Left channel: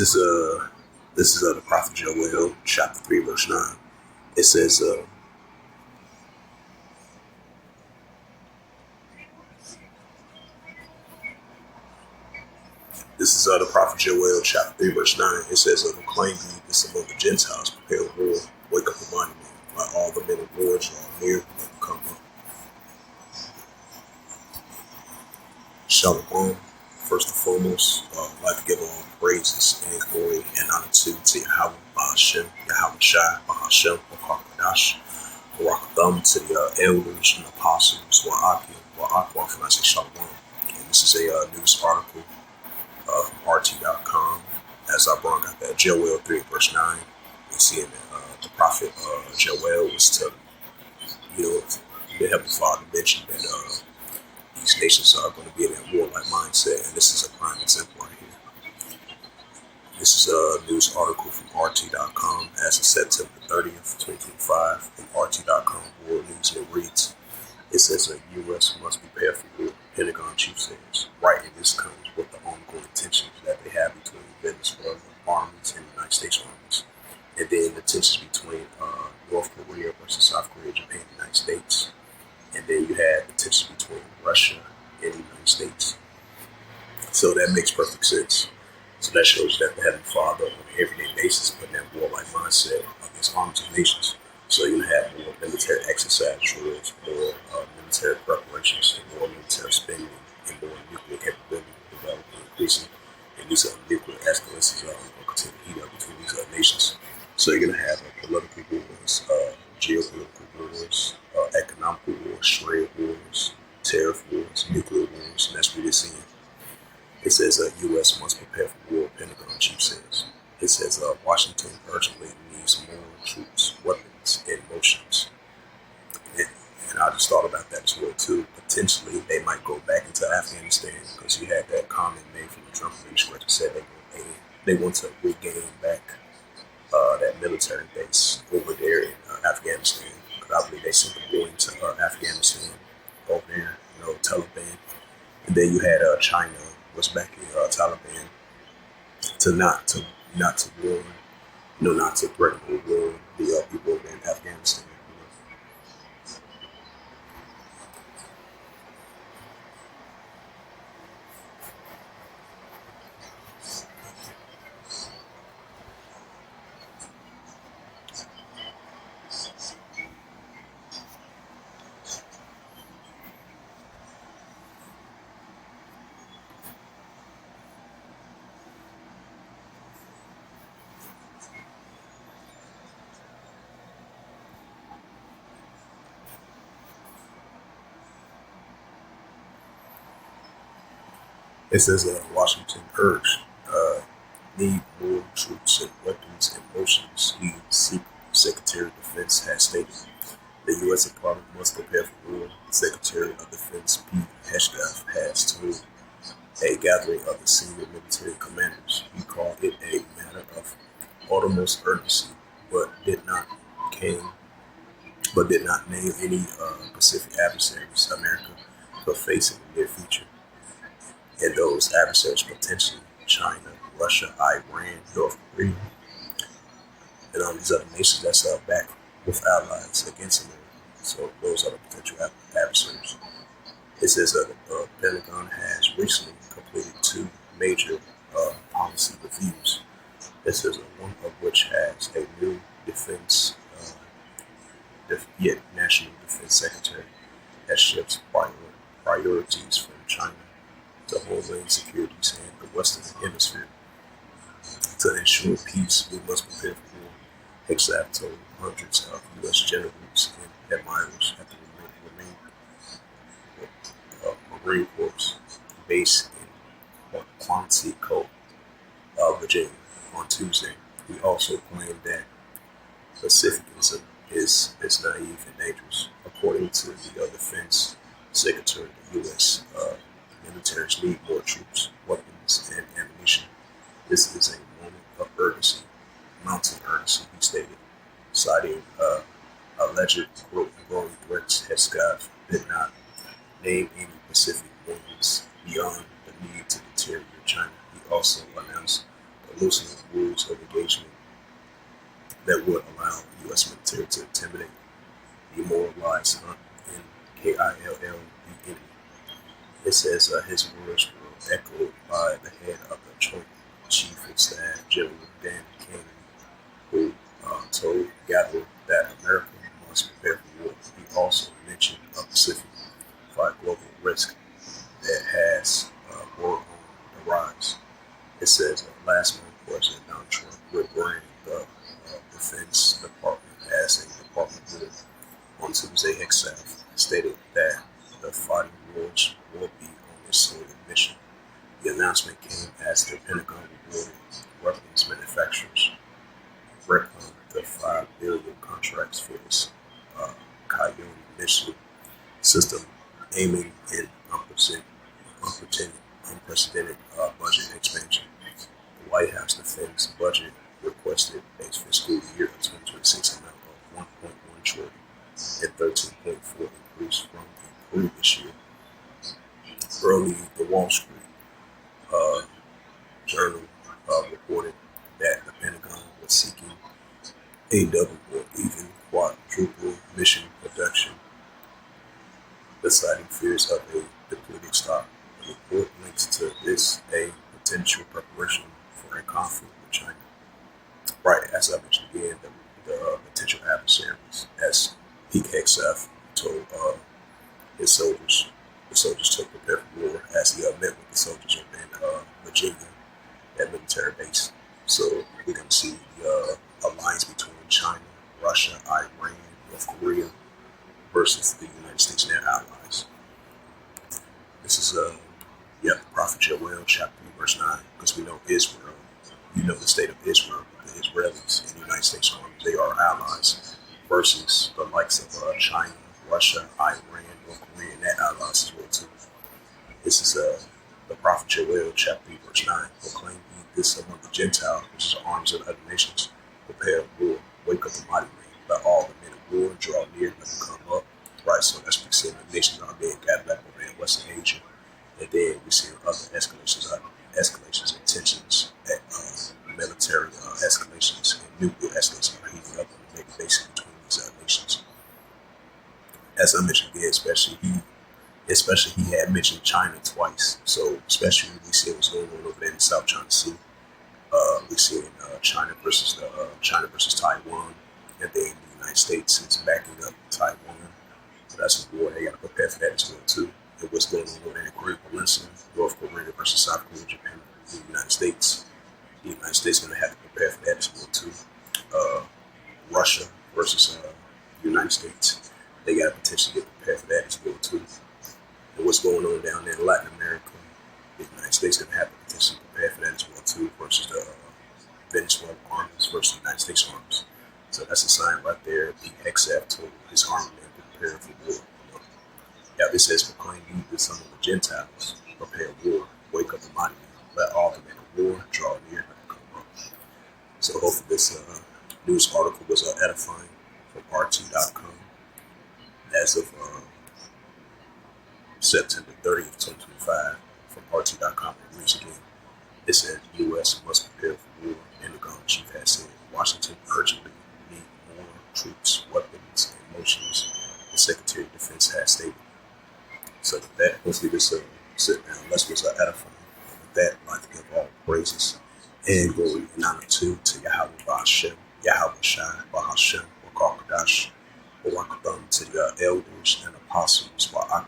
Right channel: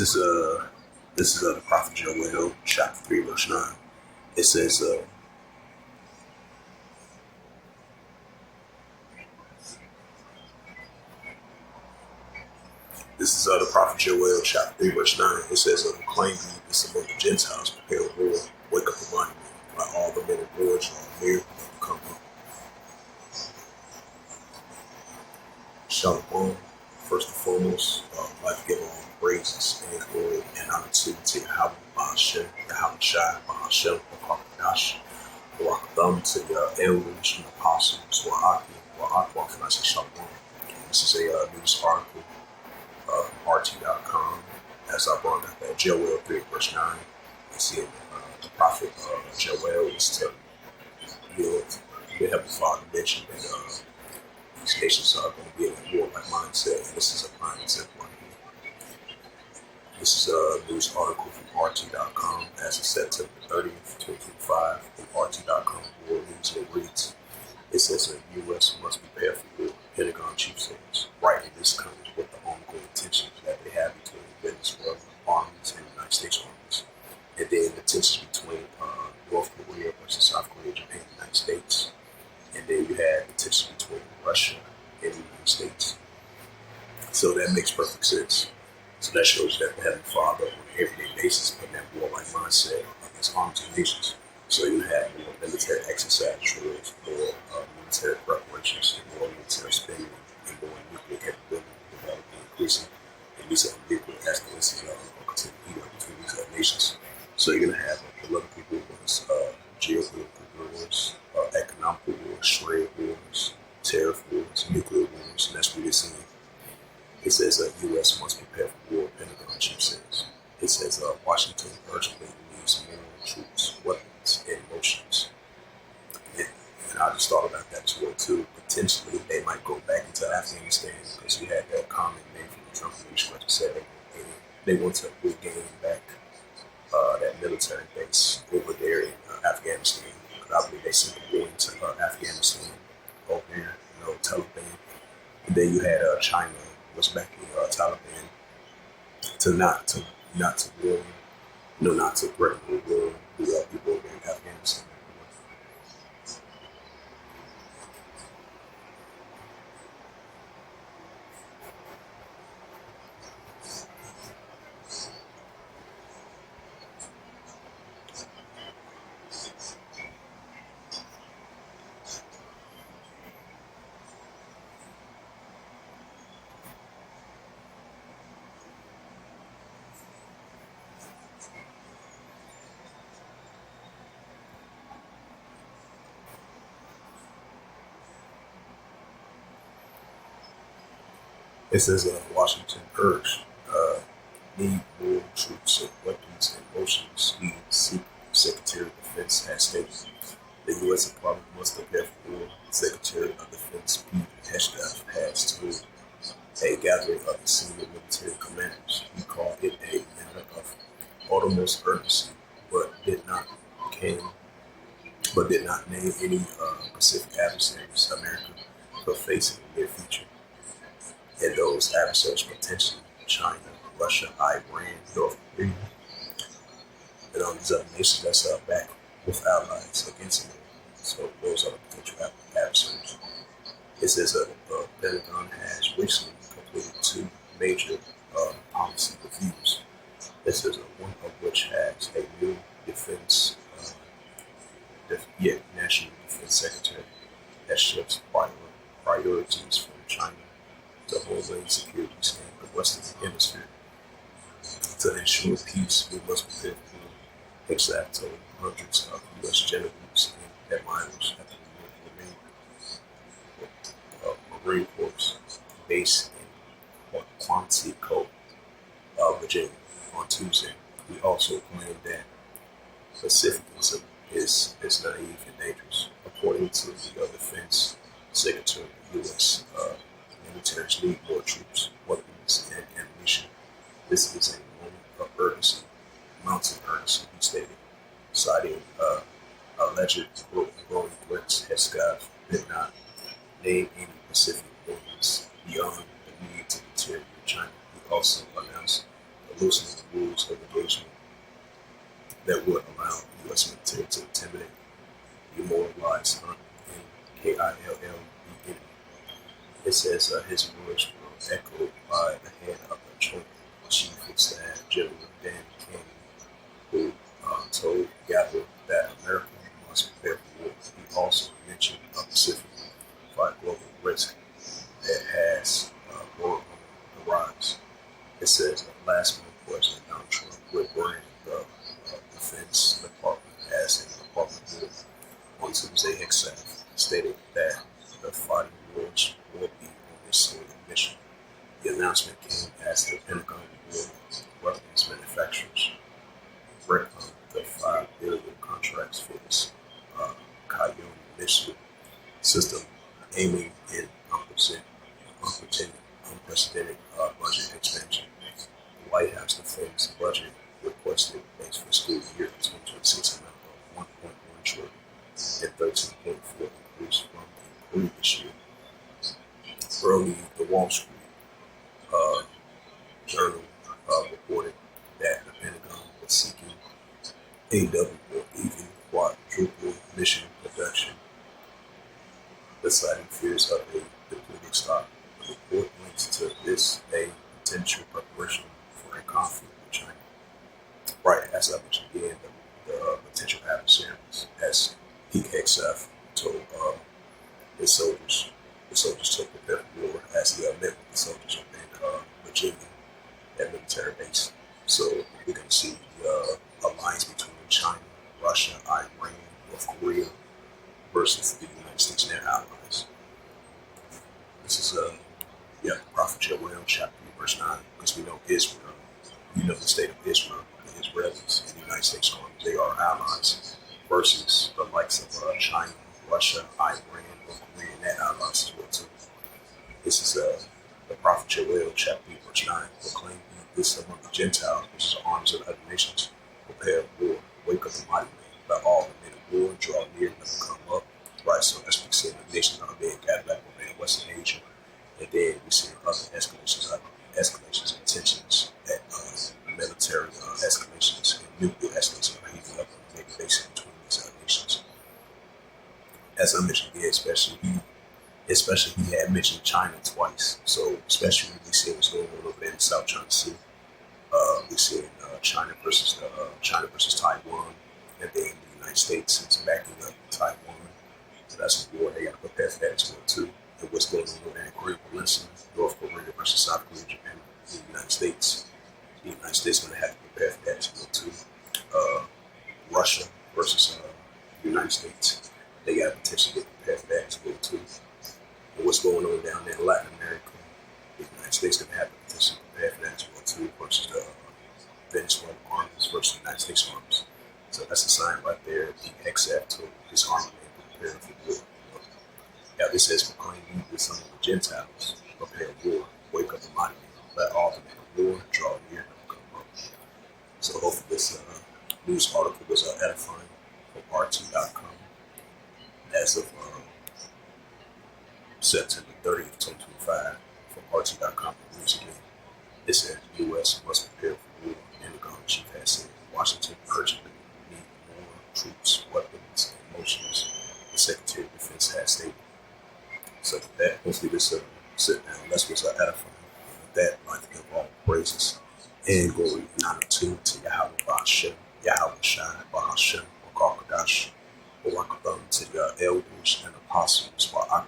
This is the prophet Joel, chapter 3, verse 9. It says, this is the prophet Joel, chapter 3, verse 9. It says, proclaim ye this among the Gentiles, prepare war, wake up the mighty man, while all the men of war draw near, let them come up. Shalom. First and foremost, I'd like to give all praises and glory and honor to Yahweh, Bahashem, Yahweh Shai, Bahashem, Wakakadash, Warakatham, to the elders and apostles, Wa'aki, Wa'akwa, and I say Shalom. And this is a news article from RT.com, as I brought out that Joel 3, verse 9. And seeing that the prophet Joel was telling, the Heavenly Father mentioned that these nations are going to be in that warlike mindset, and this is a prime example right here. This is a news article from RT.com as of September 30th, 2025, from RT.com World News, and it reads, it says the U.S. must be prepared for war. Pentagon chief says, right, and this comes with the ongoing tensions that they have between Venezuela armies and the United States armies, and then the tensions between North Korea versus South Korea, Japan, and the United States. And then you have the tension between Russia and the United States. So that makes perfect sense. So that shows that the Heavenly Father on an everyday basis putting that warlike mindset against armies of nations. So you have more military exercise drills, more military preparations, more military spending, and more nuclear capability developing, increasing. And these nuclear escalations will continue to heat up between these nations. So you're going to have political wars, geopolitical wars, economic wars, trade wars, tariff wars, nuclear wars, and that's what you're seeing. It says U.S. must prepare for war, Pentagon chief says. It says Washington urgently needs more troops, weapons, and motions. And I just thought about that as well, too. Potentially, they might go back into Afghanistan because you had that comment made from the Trump administration said they want to regain back that military base over there in Afghanistan. I believe they sent the warning to Afghanistan over there, Taliban. And then you had China was backing Taliban to not to warn, not to threaten or warn the people over in Afghanistan. It says Washington urged need more troops and weapons and motions. The Secretary of Defense has stated the U.S. Department must prepare for war. The Secretary of Defense Pete Hegseth has told a gathering of the senior military commanders. He called it a matter of utmost urgency, but did not name any Pacific adversaries America could face in the near future. And those adversaries potentially China, Russia, Iran, North Korea, and all these other nations that's back with allies against America. So those are the potential adversaries. It says that the Pentagon has recently completed two major policy reviews. It says one of which has a new National Defense Secretary that shifts priorities from China to Homeland Security and the Western Hemisphere. To ensure peace, we must prepare for war. Hegseth told hundreds of U.S. generals and admirals at the Marine Corps base in Quantico, Virginia, on Tuesday. He also claimed that pacificism is naive and dangerous. According to the Defense Secretary, the U.S. Militaries need more troops, weapons, and ammunition. This is a moment of urgency, mounting urgency, he stated, citing alleged growing threats. Hegseth did not name any Pacific warnings beyond the need to deteriorate China. He also announced loosening the rules of engagement that would allow the U.S. military to intimidate, demoralize, hunt, and kill the enemy. It says his words were echoed by the head of the Joint Chief of Staff, General Dan King, who told Gather that America must prepare for war. He also mentioned a Pacific global risk that has war on the rise. It says last month, President Donald Trump rebranded the Defense Department as a department board on Tuesday. Himself stated that the fighting wars will be on this sort of mission. The announcement came as the Pentagon rewarded weapons manufacturers reckoned the $5 billion contracts for its Coyote missile system, aiming in unprecedented budget expansion. The White House Defense budget requested a fiscal year 2026 amount of 1.1 trillion and 13.4 increase from the previous year. Early, the Wall Street Journal reported that the Pentagon was seeking a double or even quadruple mission production, citing fears of a depleted stock. The report links to this a potential preparation for a conflict with China. Right, as I mentioned again, the potential adversaries, as PXF told his soldiers, the soldiers to prepare for war, as he met with the soldiers in Virginia, that military base. So we're going to see the alliance between China, Russia, Iran, North Korea versus the United States and their allies. This is Prophet Joel, chapter 3, verse 9, because we know Israel, the state of Israel, the Israelis and the United States Army, they are allies, versus the likes of China, Russia, Iran, North Korea, and their allies as well too. This is the prophet Joel, chapter 3, verse 9, proclaim ye this among the Gentiles, which is the arms of the other nations, prepare war, wake up the mighty man, let all the men of war draw near, let them come up. Right, so that's what we see in the nations are being gathered up over in Western Asia. And then we see other escalations and tensions at military escalations and nuclear escalations are heating up on a daily basis between these nations. As I mentioned again, especially he had mentioned China twice. So especially when we see what's going on over there in the South China Sea, we see China versus Taiwan, and then the United States is backing up Taiwan. So that's a war. They got to prepare for that as well too. And what's going on over there in the Korean Peninsula, North Korea versus South Korea, Japan, the United States. The United States is going to have to prepare for that as well too. Russia versus the United States. They got to potentially get prepared for that as well too. And what's going on down there in Latin America, the United States is going to have to potentially prepare for that as well too, versus the Venezuelan armies versus the United States armies. So that's a sign right there. The XF told his army men to prepare for war. Yeah, this says, proclaim ye this among the Gentiles, prepare war, wake up the mighty men, let all the men of war draw near, and come up. So hopefully this news article was edifying from RT.com as of September 30th, 2025, from RT.com. It reads again. It said, U.S. must prepare for war. Pentagon chief has said, Washington urgently need more troops, weapons, and motions, the Secretary of Defense has stated. So with that, hopefully this sit down lesson was edifying. With that, I'd like to give all praises and glory and honor to Yahweh Ba'ashem, Yahweh Shai, Ba'ashem, Wakakadash, Warakadam, to the elders and apostles, Wa'ak